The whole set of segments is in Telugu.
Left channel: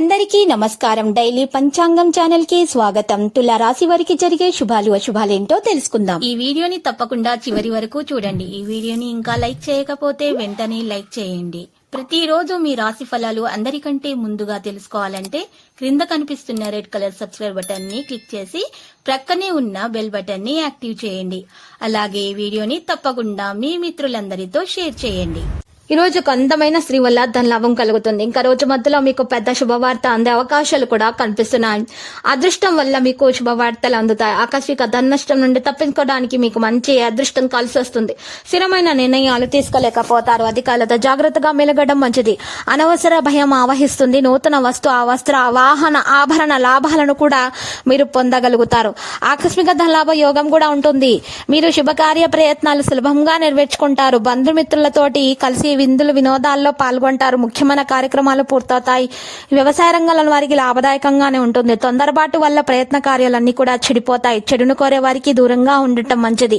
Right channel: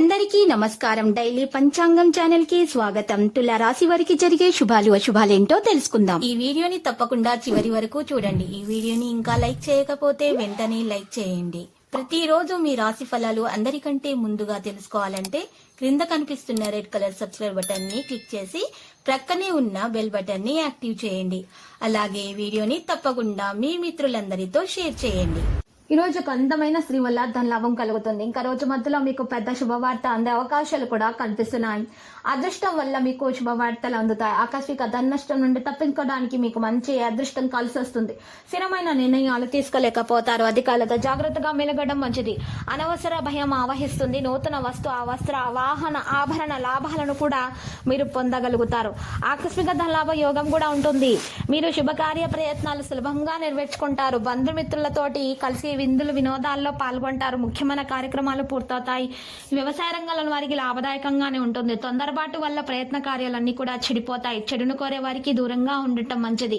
అందరికీ నమస్కారం. డైలీ పంచాంగం ఛానల్ కి స్వాగతం. తుల రాశి వారికి జరిగే శుభాలు అశుభాలేంటో తెలుసుకుందాం. ఈ వీడియోని తప్పకుండా చివరి వరకు చూడండి. ఈ వీడియోని ఇంకా లైక్ చేయకపోతే వెంటనే లైక్ చేయండి. ప్రతిరోజు మీ రాశి ఫలాలు అందరికంటే ముందుగా తెలుసుకోవాలంటే క్రింద కనిపిస్తున్న రెడ్ కలర్ సబ్స్క్రైబ్ బటన్ ని క్లిక్ చేసి ప్రక్కనే ఉన్న బెల్ బటన్ ని యాక్టివ్ చేయండి. అలాగే వీడియోని తప్పకుండా మీ మిత్రులందరితో షేర్ చేయండి. ఈ రోజు ఒక అందమైన స్త్రీ వల్ల ధనలాభం కలుగుతుంది. ఇంకా రోజు మధ్యలో మీకు పెద్ద శుభవార్త అందే అవకాశాలు కూడా కనిపిస్తున్నాయి. అదృష్టం వల్ల మీకు శుభవార్తలు అందుతాయి. ఆకస్మిక ధన నష్టం నుండి తప్పించుకోవడానికి మీకు మంచి అదృష్టం కలిసి వస్తుంది. స్థిరమైన నిర్ణయాలు తీసుకోలేకపోతారు. అధికారులతో జాగ్రత్తగా మెలగడం మంచిది. అనవసర భయం ఆవహిస్తుంది. నూతన వస్తు వస్త్ర వాహన ఆభరణ లాభాలను కూడా మీరు పొందగలుగుతారు. ఆకస్మిక ధనలాభ యోగం కూడా ఉంటుంది. మీరు శుభకార్య ప్రయత్నాలు సులభంగా నెరవేర్చుకుంటారు. బంధుమిత్రులతోటి కలిసి విందులు వినోదాల్లో పాల్గొంటారు. ముఖ్యమైన కార్యక్రమాలు పూర్తవుతాయి. వ్యవసాయ రంగంలో వారికి లాభదాయకంగానే ఉంటుంది. తొందరపాటు వల్ల ప్రయత్న కార్యాలన్నీ కూడా చెడిపోతాయి. చెడును కోరే వారికి దూరంగా ఉండటం మంచిది.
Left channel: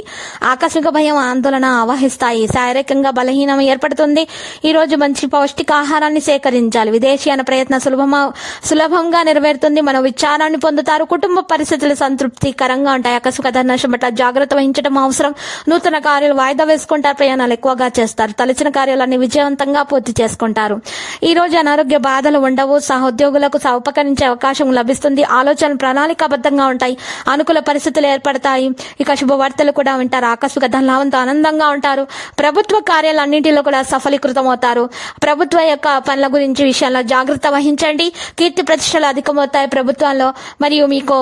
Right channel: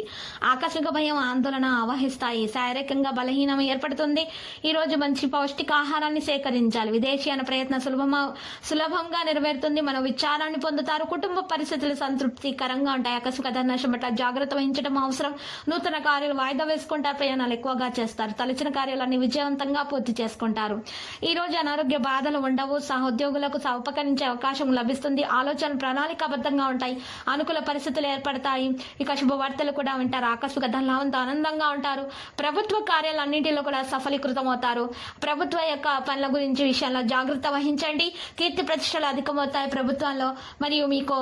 ఆకస్మిక భయం ఆందోళన ఆవహిస్తాయి. శారీరకంగా బలహీనం ఏర్పడుతుంది. ఈ రోజు మంచి పౌష్టికాహారాన్ని సేకరించాలి. విదేశీయాన ప్రయత్న సులభంగా నెరవేరుతుంది. మన విచారాన్ని పొందుతారు. కుటుంబ పరిస్థితులు సంతృప్తికరంగా ఉంటాయి. ఆకస్మిక ధననష్టం పట్ల జాగ్రత్త వహించడం అవసరం. నూతన కార్యాలు వాయిదా వేసుకుంటారు. ప్రయాణాలు ఎక్కువగా చేస్తారు. తలచిన కార్యాలు విజయవంతంగా పూర్తి చేసుకుంటారు. ఈ రోజు అనారోగ్య బాధలు ఉండవు. సహోద్యోగులకు ఉపకరించే అవకాశం లభిస్తుంది. ఆలోచనలు ప్రణాళికాబద్ధంగా ఉంటాయి. అనుకూల పరిస్థితులు ఏర్పడతాయి. ఇక శుభవార్తలు కూడా వింటారు. ఆకస్మిక ధనలాభంతో ఆనందంగా ఉంటారు. ప్రభుత్వ కార్యాలన్నింటిలో కూడా సఫలీకృతం అవుతారు. ప్రభుత్వ యొక్క పనుల గురించి విషయాల్లో జాగ్రత్త వహించండి. కీర్తి ప్రతిష్టలు అధికమవుతాయి ప్రభుత్వంలో. మరియు మీకు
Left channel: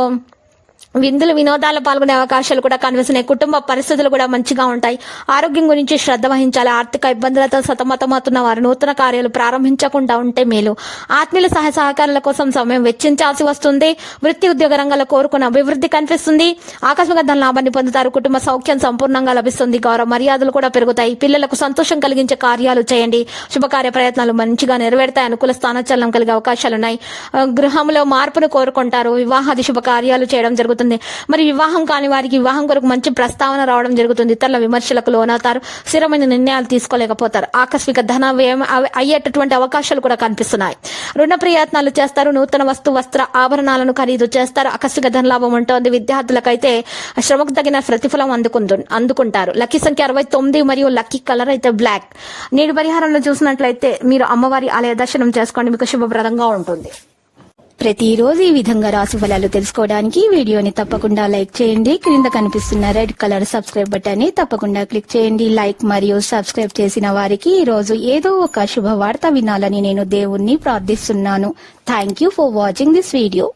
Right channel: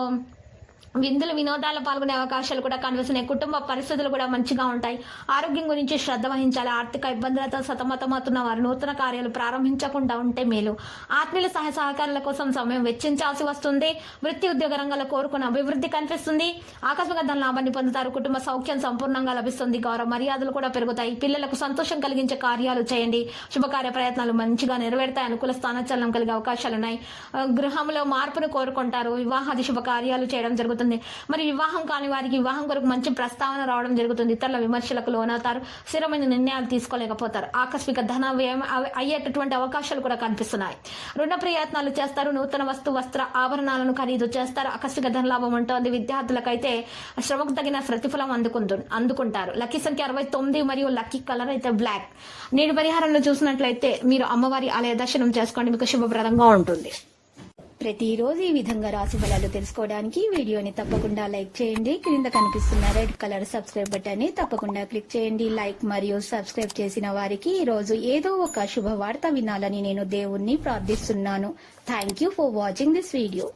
విందులు వినోదాల్లో పాల్గొనే అవకాశాలు కూడా కనిపిస్తున్నాయి. కుటుంబ పరిస్థితులు కూడా మంచిగా ఉంటాయి. ఆరోగ్యం గురించి శ్రద్ధ వహించాలి. ఆర్థిక ఇబ్బందులతో సతమతమవుతున్న వారు నూతన కార్యాలు ప్రారంభించకుండా ఉంటే మేలు. ఆత్మీయుల సహకారాల కోసం సమయం వెచ్చించాల్సి వస్తుంది. వృత్తి ఉద్యోగ రంగంలో కోరుకున్న అభివృద్ధి కనిపిస్తుంది. ఆకస్మిక ధన లాభాన్ని పొందుతారు. కుటుంబ సౌఖ్యం సంపూర్ణంగా లభిస్తుంది. గౌరవ మర్యాదలు కూడా పెరుగుతాయి. పిల్లలకు సంతోషం కలిగించే కార్యాలు చేయండి. శుభకార్య ప్రయత్నాలు మంచిగా నెరవేరుతాయి. అనుకూల స్థానచలనం కలిగే అవకాశాలున్నాయి. గృహంలో మార్పును కోరుకుంటారు. వివాహాది శుభకార్యాలు చేయడం జరుగుతుంది. మరి వివాహం కాని వారికి వివాహం కొరకు మంచి ప్రస్తావన రావడం జరుగుతుంది. ఇతరుల విమర్శలకు లోనవుతారు. స్థిరమైన నిర్ణయాలు తీసుకోలేకపోతారు. ఆకస్మిక ధన వ్యయం అయ్యేటటువంటి అవకాశాలు కూడా కనిపిస్తున్నాయి. రుణ ప్రయత్నాలు చేస్తారు. నూతన వస్త్ర ఆభరణాలను ఖరీదు చేస్తారు. ఆకస్మిక ధనలాభం ఉంటుంది. విద్యార్థులకైతే శ్రమకు తగిన ప్రతిఫలం అందుకుంటారు. లక్కీ సంఖ్య 69 మరియు లక్కీ కలర్ అయితే బ్లాక్. నేడు పరిహారంలో చూసినట్లయితే మీరు అమ్మవారి ఆలయ దర్శనం చేసుకోండి. మీకు శుభప్రదంగా ఉంటుంది. ప్రతిరోజు ఈ విధంగా రాశి ఫలాలు తెలుసుకోవడానికి వీడియోని తప్పకుండా లైక్ చేయండి. క్రింద కనిపిస్తున్న రెడ్ కలర్ సబ్స్క్రైబ్ బటన్ ని తప్పకుండా క్లిక్ చేయండి. లైక్ మరియు సబ్స్క్రైబ్ చేసిన వారికి ఈ రోజు ఏదో ఒక శుభవార్త వినాలని నేను దేవుణ్ణి ప్రార్థిస్తున్నాను. Thank you for watching this video.